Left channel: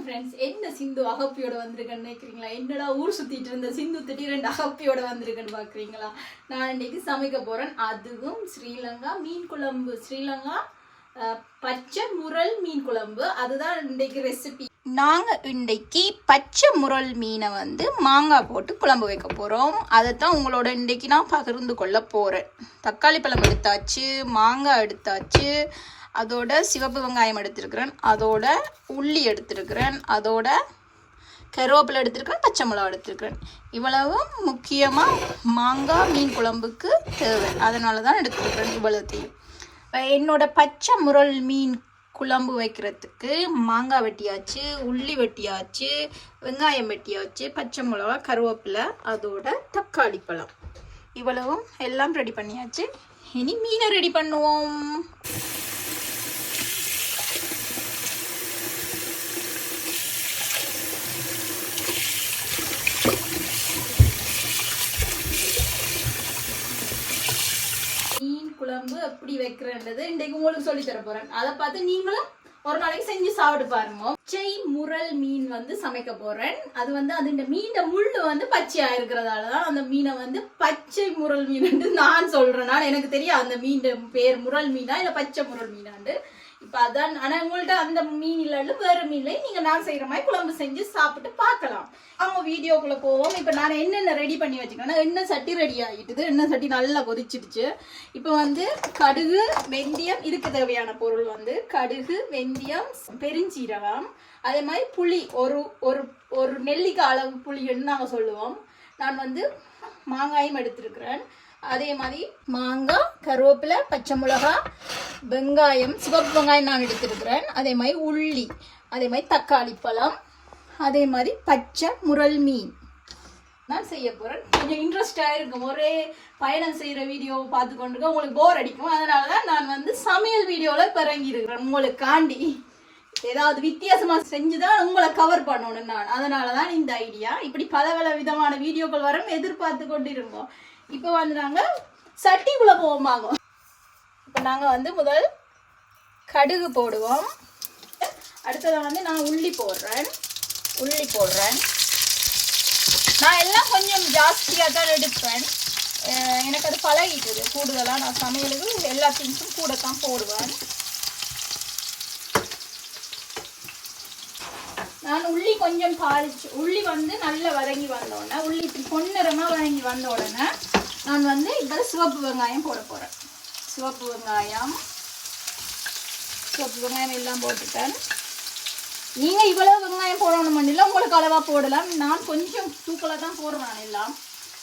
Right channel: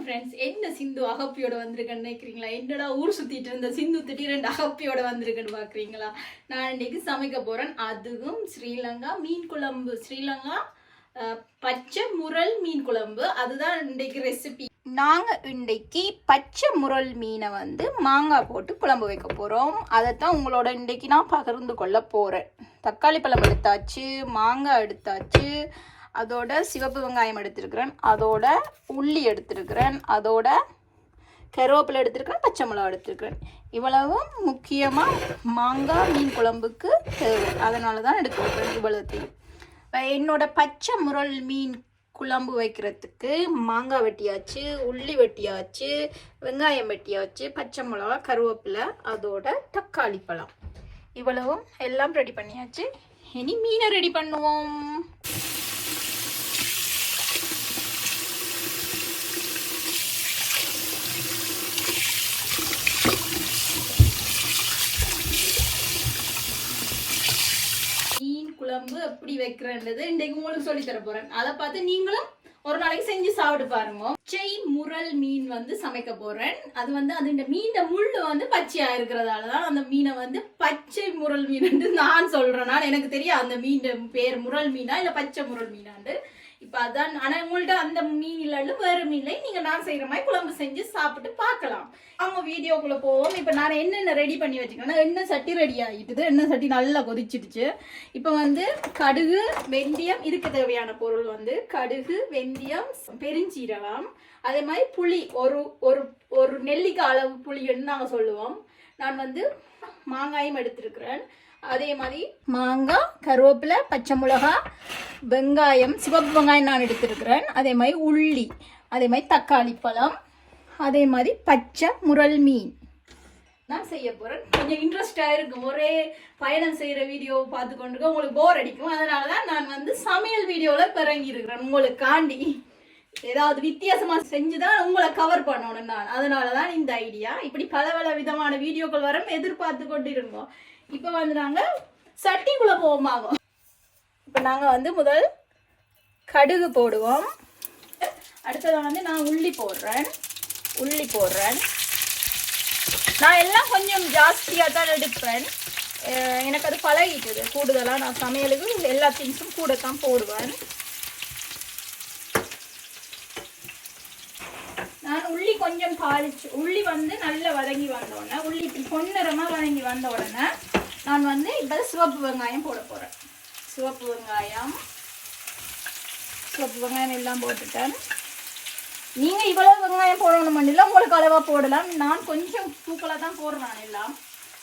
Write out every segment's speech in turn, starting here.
வணக்கம் ஃப்ரெண்ட்ஸ் என்ன சிந்து அகப்பியோட வந்திருக்கேன்னு நினைக்கிறீங்களா? என்னடா ஊர் சுத்திட்டு இருந்த சிந்து திடீரெண்டு அகப்பியோட வந்திருக்கேன்னு பாக்குறீங்களா? நான் இன்னைக்கு சமைக்க போறேன். அதுவும் ஸ்ரீலங்கா மீன் குழம்பு. ஸ்ரீலங்கா பச்சை முரல் மீன் குழம்பு. அதுதான் இன்னைக்கு ரெசிபி நாங்கள் இன்றைக்கு பச்சை முரல் மீனை வந்து மாங்காய் போட்டு குழம்பு வைக்க போறோம். அதைத்தான் உங்களோட இன்னைக்கு நான் பகிர்ந்து கொள்ள போகிறேன் தக்காளி பழம் எடுத்தாச்சு மாங்காய் எடுத்தாச்சு அதோட சிவப்பு வெங்காயம் எடுத்திருக்கிறேன். அதோட உள்ளி எடுத்திருக்கிறேன். அதோட கருவேப்பிலை எடுத்திருக்கிறேன். பச்சை மிளகா எடுத்திருக்கிறேன். இவ்வளவும் முக்கியமாக மாங்காய் மீன் குழம்புக்கு தேவை. அதனால தான் எடுத்திருக்கிறேன் இவ்வளோத்தையும். என்னோட பச்சை முரல் மீன் குழம்பு வைக்கிறதுக்கு மாங்காய் வெட்டியாச்சு உள்ளி வெட்டியாச்சு வெங்காயம் வெட்டியாச்சு பச்சை மிளகா கருவேப்பிலை அதோட தக்காளி பழம். இவ்வளவும் எல்லாம் ரெடி பண்ணியாச்சு. இனி மீனை ரெடி பண்ணுவோம் மீன் குழம்பு எப்படி வைக்கிறேன்றது இன்றைக்கு உங்களுக்கு சொல்லி தர போறேன். அதை பார்த்து நீங்களும் ஒரு நாளைக்கு செஞ்சு சாப்பிட்டு பாருங்க. பச்சை முரல் மீன் வந்து சமைக்க போறேன். அது வந்து அது இந்த மீன் முள்ளு வந்து பச்சையா இருக்கிறதால தான் அந்த மீனை வந்து பச்சை முரல் மீன் நான் சொல்றேன். எனக்கு தெரியும் அந்த மீன் பேர் முரல் மீனா இல்ல பச்சை முரல் மீனாண்டு. இப்போ அதான் ஆனால் உங்கள்ட்ட அந்த மீன் இல்லைன்னு மீனை மீன்ல நான் செய்கிற மாதிரி குழம்பு செஞ்சு சாப்பிட்டு பார்க்கலாம். அவங்க வீடியோக்குள்ளே போவோம். இப்போ நான் என்னென்ன ரெடி பண்ணி வச்சுக்கிறேன்னா என்ன சட்டி ரெடி ஆகிட்டுது என்ன சட்டி நல்லா கொதிச்சிடுச்சு. இப்போ வந்து கடுகு வெந்தயம் இதுக்கு தேவையான பொருள் வந்து கடுகு வெந்தயம் பெருஞ்சீரகம் அதே மாதிரி புளி ஒரு ஒரு ஒரு நெல்லிக்காய் அளவு புளின்னு நாங்கள் சொல்லுவோம். நான் வந்து மாங்காயும் எடுத்திருக்கிறேன். அதே மாதிரி மாங்காய் கருவேப்பிலை பச்சை மிளகாய் வெங்காயம் சிவப்பு வெங்காயம் நான் எடுத்திருக்கிறேன். அதே மாதிரி உள்ளி அதே மாதிரி தக்காளி பழம் அதே மாதிரி பச்சை முரல் மீன். நான் செய்ய போகிறேன் கொஞ்சம் இன்ட்ரெஸ்டாக இருக்கும். ஒரே பயணம் செய்கிற வீடியோ பார்த்து கொண்டு உங்களுக்கு போர் அடிக்கும். அதனால தான் நான் வந்து சமையல் வீடியோவில் பிறங்கியிருக்கிறேன் உங்களுக்காண்டி. ஏதாவது வித்தியாசமாக செஞ்சு தான் உங்களை கவர் பண்ணணும் நான். அதனால தான் இந்த ஐடியா இப்படி பல பல விதமான வீடியோக்கள் வரும். எதிர்பார்த்து கொண்டு இருக்கோம் இப்போ வந்து நாங்கள் சட்டிக்குள்ளே போவோமாகும். இப்போ நாங்கள் வந்து முதல் கடுகு போடுவோம். அடுத்ததாக வந்து நான் உள்ளி போடுறேன். உள்ளி போடுறேன். நான் எல்லாம் கொஞ்சம் ஜாஸ்தியாக தான் எடுப்பேன். எனக்கு அது பழகிட்டுது. கூடுதலாக நான் சமையலுக்கு எல்லா திங்ஸும் கூட தான் போடுவேன். நான் உள்ளி கொஞ்சம் பாலிச்சு உள்ளி வந்து நல்லா வதங்கி வந்த உடனே உள்ளி இப்படி பொன்னிறமாக வதங்கி வந்த உடனே நான் வந்து இப்போ சிவப்பு வெங்காயம் போட போகிறேன் சிவப்பு வெங்காயம் சிவப்பு வெங்காயம் எல்லாம் போட்டுட்டேன். நீங்கள் இவ்வளோ வெங்காயம் போடணும் இல்லை உங்களுக்கு அளவாக போடலாம். நான் கொஞ்சம் தூக்கலாக தான் போடுறேன் எல்லாம்.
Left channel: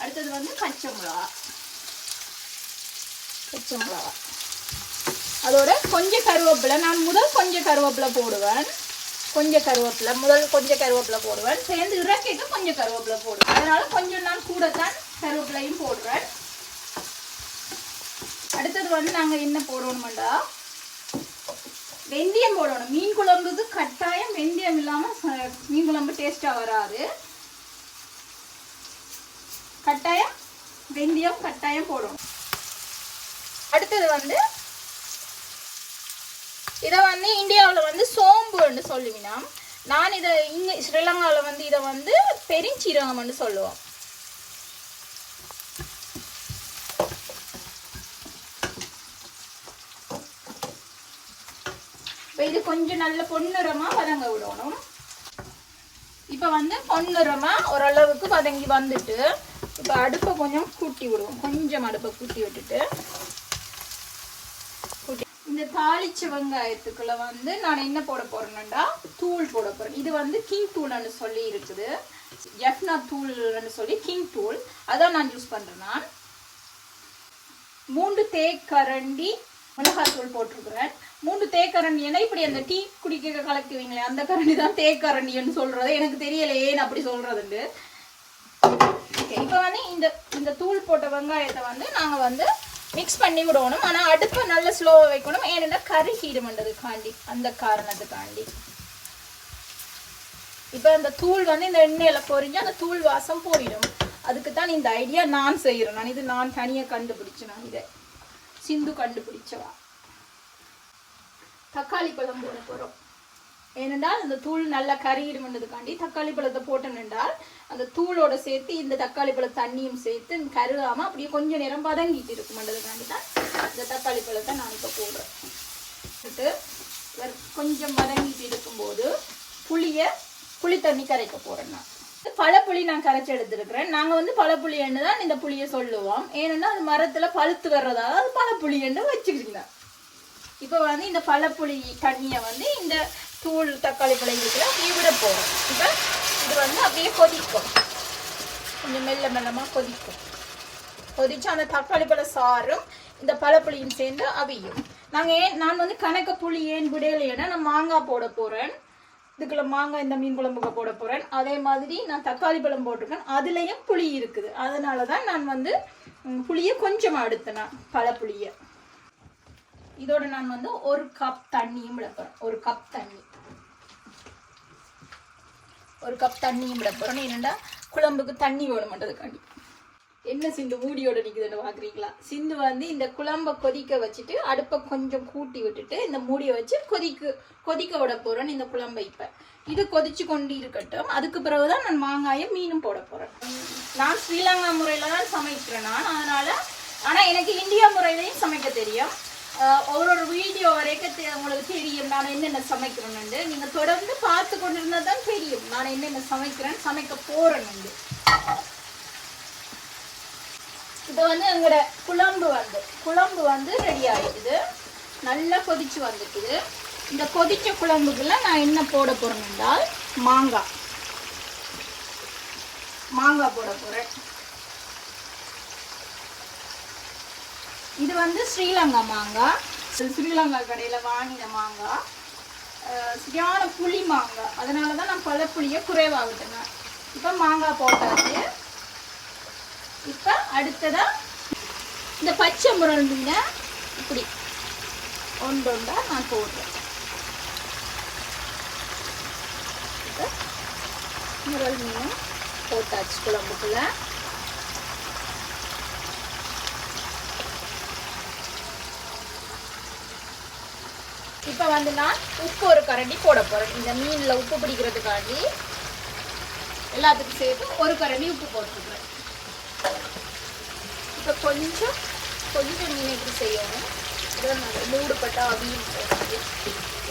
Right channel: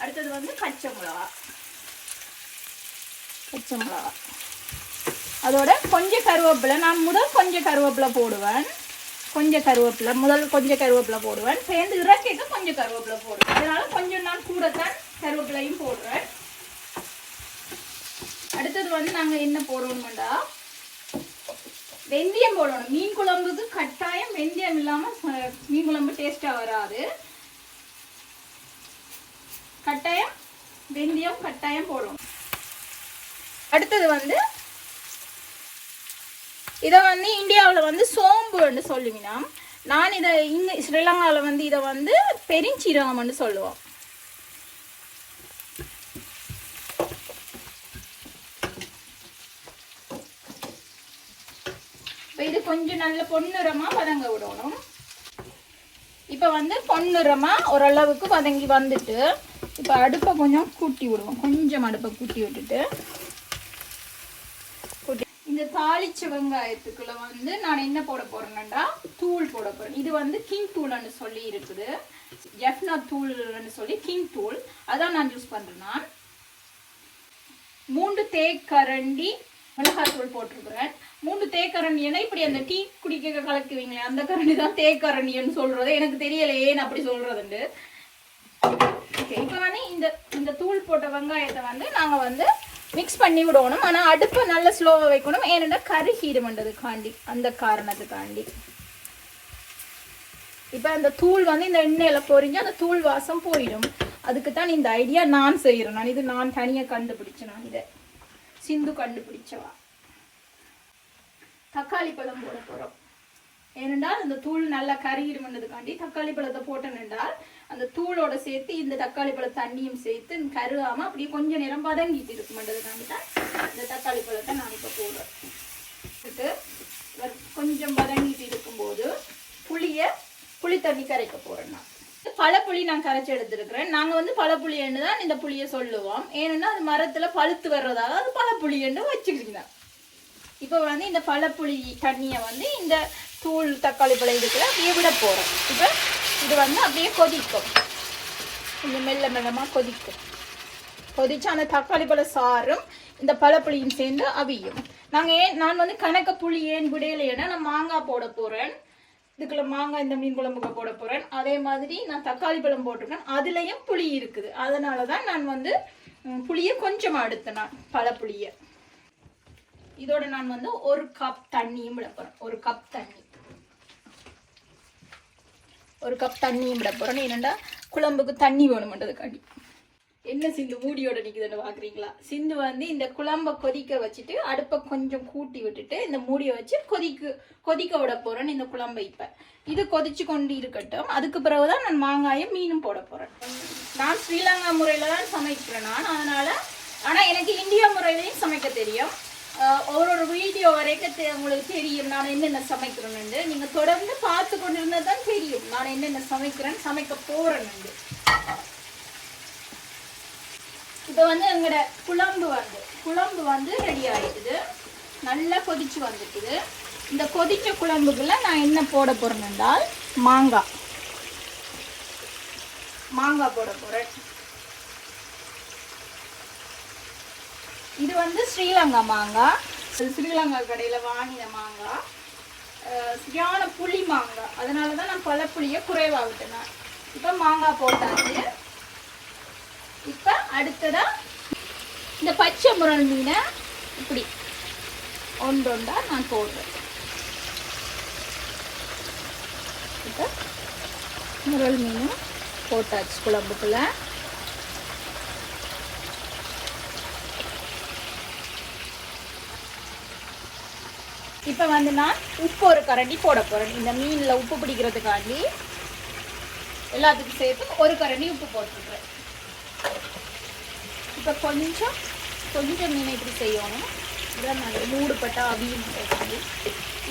அடுத்தது வந்து பச்சை மிளகா. பச்சை மிளகா. அதோட கொஞ்சம் கருவேப்பிலை. நான் முதல் கொஞ்சம் கருவேப்பிலை போடுவேன். கொஞ்சம் கருவேப்பிலை. முதல் கொஞ்சம் கருவேப்பிலை போடுவேன். சேர்ந்து இறக்கிட்டு கொஞ்சம் கருவேப்பிலை போடுவேன். அதனால கொஞ்சம் நான் கூட தான் கருவேப்பிலையும் போடுறேன். அடுத்தது வந்து நாங்கள் என்ன போடுவோம்டா வெந்தயம் போடணும். மீன் குழம்புக்கு கட்டாயம் வெந்தயம் இல்லாமல் மீன் குழம்பு டேஸ்ட்டாக வராது. கட்டாயம் வெந்தயம் கட்டாயம் போடணும். அடுத்தது வந்து இதை வந்து இந்தியாவில் வந்து சோம்புன்னு சொல்லுவீங்கன்னா நான் இதை இங்கே ஸ்ரீலங்காவில் வந்து இதை வந்து பெருஞ்சீரகம்னு சொல்லுவோம். இப்போ இது கொஞ்சம் நல்ல பொன்னிறமாக வதங்க விடணும். இப்போ வந்து பொன்னிறமாக ஓரளவுக்கு வதங்கி வந்துட்டு இப்போ அடுப்பை கொஞ்சம் கூட்டி விடுவோம். கொஞ்சம் அடுப்பை கூட்டி விட்டுட்டு. இந்த தாளிச்ச வெங்காயத்துக்குள்ள வந்து நான் என்ன போட போறேன்னா தூள் போட போறேன். இது வந்து கிங் தூள்னு சொல்லி இருக்குது. எஃப்னா தூள்னு சொல்லி கிங் தூள். அதான் நான் யூஸ் பண்றேன் நான். மூன்று தேக்கரண்டி மிளகாத்தூள் போட்டிருக்கிறேன். மூணு தேக்கரண்டி ஏன்னா இப்படி அந்த டீ குடிக்க கலக்குவீங்களே அந்த கரணி தான் தேக்கரண்டின்னு சொல்றது எனக்கு தெரியல ஏன் அப்படி சொல்றதுண்டு ஓகே இப்போ வந்து இந்த இந்த தூள் போட்ட வெங்காயத்தை வந்து நாங்கள் வந்து மிக்ஸ் பண்ணி விடணும். ஆனால் அடுப்பை நல்லா ஸ்லோவாக வைக்கணும். ஏன்னா கருகிடுமன்றதுக்காண்டி அந்த காரணத்துக்காண்டி இப்போ இந்த தூள் வந்து இந்த எண்ணெயில் பொறிஞ்சு அந்த தூள் வாசம் போயிடும். அதுக்கு தான் இந்த ஐடியா நான் செய்கிறேன் நான் இது நான் தனியாக கண்டுபிடிச்சேன் நான் இதை. சிந்து கண்டுபிடிச்சவா? தக்காளி பழம் போட போகிறோம் ஏனென்றால் அந்த தூள் நல்லா கருகிடுமன்றதுக்காண்டி தக்காளி பழத்தை போட்டேன்னால் அந்த தூளோட சேர்த்து இந்த தக்காளி பழ தண்ணியும் சேர்த்து கருகாம அப்படியே கொஞ்சம் நேரம் பதங்கிட்டு இருக்குமன்றதுக்காண்டி தான் இந்த தக்காளி பழத்தை நான் இப்போ போடுறேன் கொஞ்சம் வதங்கிட்டு இருக்கும்போது புளிய புளி தண்ணி கரைக்க போறேன் நான். பழப்புளி நான் கரைச்சி எடுத்திருக்கிறேன். நாங்க வந்து பழப்புளின்னு தான் இந்த புளியை சொல்லுவோம். ஏன்னா அது மரத்துல பழுத்து வர்றதால அது பழப்புளின்னு வச்சுக்கிங்க. இப்போ வந்து இந்த பழப்புளி தண்ணியை வந்து இந்த தூள் தக்காளி பழம் இருக்கிற அப்படியே விட போறோம் இப்போ இது வந்து அப்படியே கொதிக்கும். கொஞ்சம் மெல்ல மெல்லமா கொதிக்கும். கொதிச்சு அந்த தக்காளி பழ சாறும் இந்த பழப்புளியும் சேர்ந்து அவியும். நாங்கள் ஏன் நான் வந்து கணக்க புளி ஏன் விடையிலேன்னா நான் மாங்காய் போட போறேன். இதுக்குள்ள மாங்காய் இந்த மீன் குழம்புக்கு போட போகிறேன் அதே மாதிரி நான் தக்காளி பழம் போட்டிருக்கேன். அதுலேயும் புளி இருக்குது. அதனால தான் நான் வந்து புளியை கொஞ்சம் அடுத்தேன் நான் பழப்புளியை இதோட நான் வந்து ஒரு கப் தண்ணியும் விட ஒரு கப் தண்ணி. ஒரு கப் தண்ணியும் விட போறேன். ஏனெண்டா குழம்புக்கு தண்ணி வேணுமன்றதுக்காண்டி. என்ன சிந்து மூடியோட நிக்குதுன்னு பாக்குறீங்களா? சிந்து வந்து இந்த குழம்ப கொதிக்க வச்சுட்டு அடுப்பை கொஞ்சம் கூட்டி விட்டுட்டு இந்த மூடியை வச்சு கொதிக்கு கொதிக்க விட போகிறேன்னு இந்த குழம்பை இப்ப. இது கொதிச்சு கொண்டு இருக்கட்டும். அதுக்கு பிறகுதான் நான் மாங்காயும் மீனும் போட போறேன். நான் ஸ்ரீலங்கா முறையில தான் சமைக்கிறேன் நான். அதனால ஆனா எனக்கு இந்தியா முறையிலையும் சமைக்க தெரியும். அவரோட ஒரு ஒரு வீடியோ வரைக்கும் உங்களுக்கு தெரியும் நான் என்னென்ன சமைக்கிறேன்னு நீங்க தொடர்ந்து பார்த்து கொண்டிருந்தா தான் தெரியும். நான் என்னென்ன சமைக்கிறேன் சமைக்க போறேன்னு இப்போ வந்து எங்களோட குழம்பு வந்து குழம்பு வந்து ரெடி ஆயிடுது. நல்லா கொதிச்சு வந்துட்டுது. இந்த கொதிச்ச குழம்புக்குள்ள நான் என்ன போட போறேன் என்றால் மாங்காய். மாங்காய் போட போறேன். இது வந்து ஸ்ரீலங்கா மாங்காய். ஸ்ரீலங்கா கடையில் வாங்கின மாங்காய். சரியான புளி மாங்காய். அதனால தான் நான் பழப்புளியை குறைவாக விட்டேன். இப்போ மாங்காய் போட்டாச்சு. இப்போ அடுத்ததா இந்த பச்சை முரல் மீனை ஒன்று ஒன்றொண்டா நான் போடுறேன். இப்போ முரல் மீன் போட்டாச்சு குழம்புக்குள்ள. இப்போ வந்து நான் உப்பு ஒரு கரண்டி போட போகிறேன் இந்த மீனில் உப்பு பிடிக்கிறதுக்காண்டி எல்லாத்துக்கும் சேர்த்து ஒரு கரண்டி உப்பு போட்டுருக்குறேன் இப்போ கொஞ்சம் கொஞ்சம் மீன் இப்படி செய்யணும் இதை நல்ல மூடுப்பட்ட அவியும்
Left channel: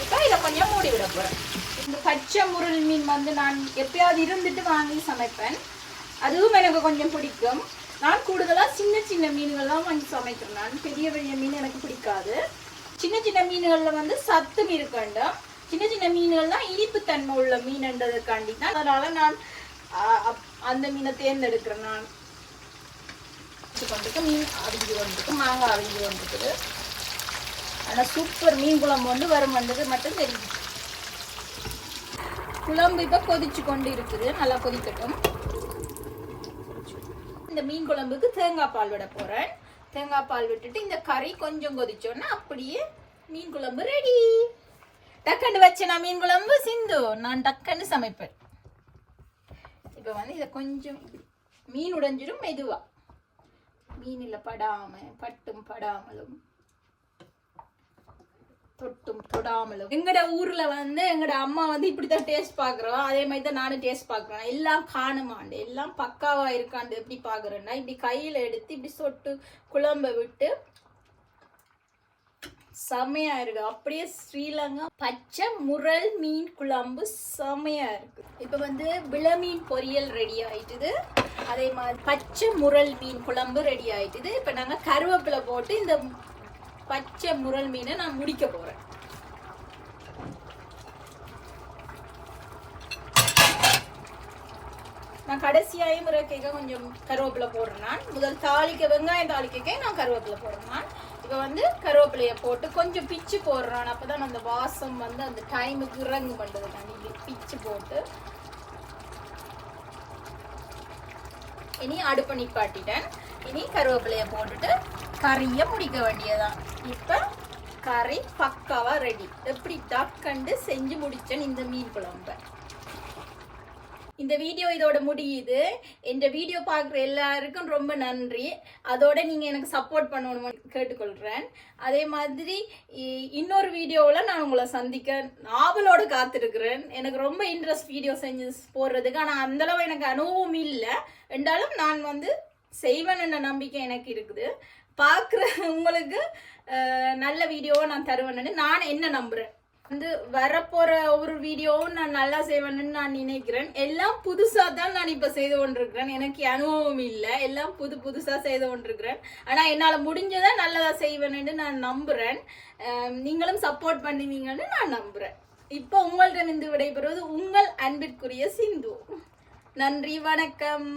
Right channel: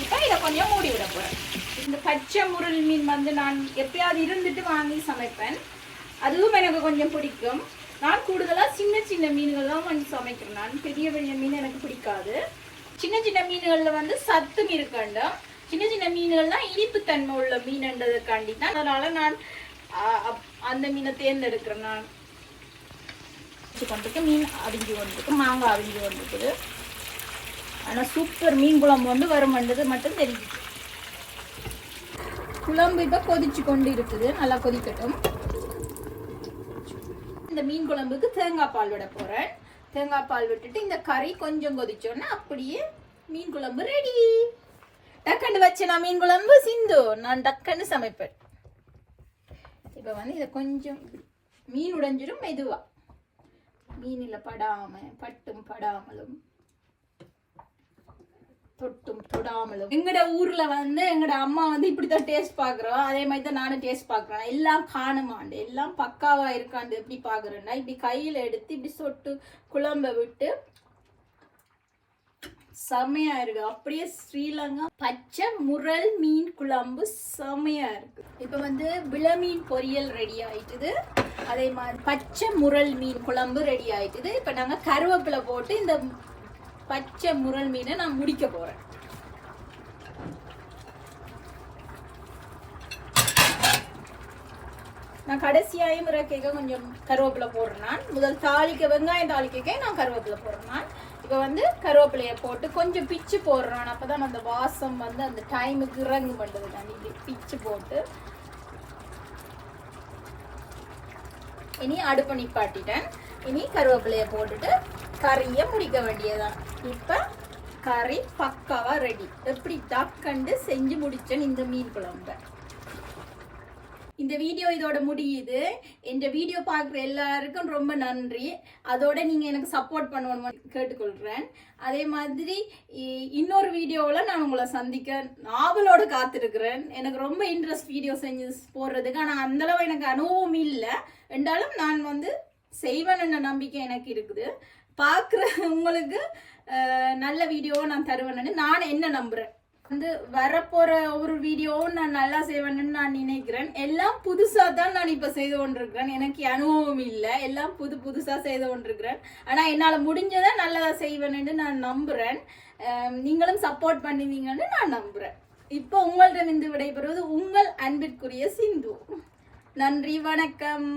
இப்போ இதை கொஞ்சம் மூடி விட போகிறேன் இந்த பச்சை முருள் மீன் வந்து நான் எப்பயாவது இருந்துட்டு வாங்கி சமைப்பேன் அதுவும் எனக்கு கொஞ்சம் பிடிக்கும் நான் கூடுதலாக சின்ன சின்ன மீன்கள் தான் வாங்கி சமைக்கிறேன் நான் பெரிய பெரிய மீன் எனக்கு பிடிக்காது சின்ன சின்ன மீன்களில் வந்து சத்தும் இருக்கண்டும் சின்ன சின்ன மீன்கள்லாம் இனிப்புத்தன்மை உள்ள மீன்ன்றதுக்காண்டி தான் அதனால் நான் அப்- அந்த மீனை தேர்ந்தெடுக்கிறேன் நான் வச்சு கொண்டுட்டு மீன் அடிஞ்சு வந்துட்டு மாங்காய் அடிஞ்சு வந்துட்டு. ஆனால் சூப்பர் மீன் குழம்பு வந்து வரம் வந்தது மட்டும் தெரிஞ்சுச்சு குழம்பு இப்போ கொதிச்சு கொண்டு இருக்குது நல்லா கொதிக்கட்டும். இந்த மீன் குழம்புக்கு தேங்காய் பால் விட போகிறேன் தேங்காய் பால் விட்டுட்டு இந்த கறி கொஞ்சம் கொதிச்சோன்னா அப்படியே மீன் குழம்பு ரெடி டக்குன்னு வச்சு நான் மீன் குழம்பு சிந்து. நான் டக்குன்னு சமைப்பேன். இப்போ வந்து இதை கொஞ்சம் மீன் உடைஞ்சிடும் மெதுவாக மீனில் படாம பட்டும் படாமலும் தொட்டும் தொடாமலும். எங்கட ஊர்ல வந்து எங்கட அம்மா வந்து இப்படித்தான் டேஸ்ட் பாக்குறோம் அதே மாதிரி தான் நானும் டேஸ்ட் பாக்குறேன். எல்லாம் காணுமாண்டு. எல்லாம் பக்காவா இருக்காண்டு எப்படி பாக்குறேன்னா இப்படி கையில எடுத்து இப்படி சொட்டு குழம்ப விட்டு செமையா இருக்கு அப்படியே ஸ்ரீலங்கா பச்சை முரல் மீன் குழம்பு செமையா இருக்கு இப்ப வந்து விளமீன் பொரியல் ரெடி ஆயிட்டுது. அதே மாதிரி பச்சை முரல் மீன் குழம்பு ரெடி ஆயிட்டுது. இப்ப நாங்க கருவேப்பிலை போட்டு இந்த பச்சை முரல் மீனை நான் முடிக்க போறேன். நான் கடைசியாயும் இறக்கைக்க கொஞ்சம் கருவேப்பிலை போடுறேன் நான் முதல் தாளிக்க வெங்காயம் தாளிக்க நான் கருவேப்பிலை போடுறேன் நான் இப்போ வந்து கருவேப்பிலையை போட்டு கொஞ்சம் பிச்சு போடுறேன். அப்பதான் அந்த வாசம் வந்து அந்த டைமுக்கு இறங்கு பண்ணுறது நான் இப்படி பிச்சு போட்டு. இனி அடுப்பு நிப்பாட்டிட்டேன். இனி கருவேப்பிலையை போட்டுட்டு கறியை முடிக்க வேண்டியதுதான். இப்போ கறி பக்காவாக ரெடி எப்படி டக்கண்டு செஞ்சு முடித்தேன் இந்த மீன் குழம்பை. இந்த வீடியோ இதோட முடியுது. இந்த வீடியோ பார்க்குற எல்லாருக்கும் ரொம்ப நன்றி. அதோட நீங்கள் எனக்கு சப்போர்ட் பண்ணணும்னு கேட்டுக்கொள்கிறேன் அதே மாதிரி இ- இன்னொரு வீடியோவில் நான் உங்களை சந்திக்க நாவலோடு காத்திருக்கிறேன். எனக்கு ரொம்ப இன்ட்ரெஸ்ட் வீடியோ செஞ்சு போடுறதுக்கு. ஆனால் அந்தளவு எனக்கு அனுபவம் இல்லை. என்றாலும் நான் வந்து செய்வேன் நம்பிக்கை எனக்கு இருக்குது. பார்க்குற உங்களுக்கு நல்ல வீடியோவை நான் தருவேன்னு நான் என்ன நம்புகிறேன் வந்து வரப்போற ஒரு வீடியோவும் நான் நல்லா செய்வேன்னு நான் நினைக்கிறேன். எல்லாம் புதுசா தான் நான் இப்ப செய்து கொண்டிருக்கிறேன். எனக்கு அனுபவம் இல்லை. எல்லாம் புது புதுசா செய்து கொண்டிருக்கிறேன். ஆனா என்னால முடிஞ்சதை நல்லதா செய்வேன்னு நான் நம்புறேன். நீங்களும் சப்போர்ட் பண்ணுவீங்கன்னு நான் நம்புறேன். இப்போ உங்கள்கிட்ட இருந்து விடைபெறுவது உங்கள் அன்பிற்குரிய சிந்து. நன்றி வணக்கம்.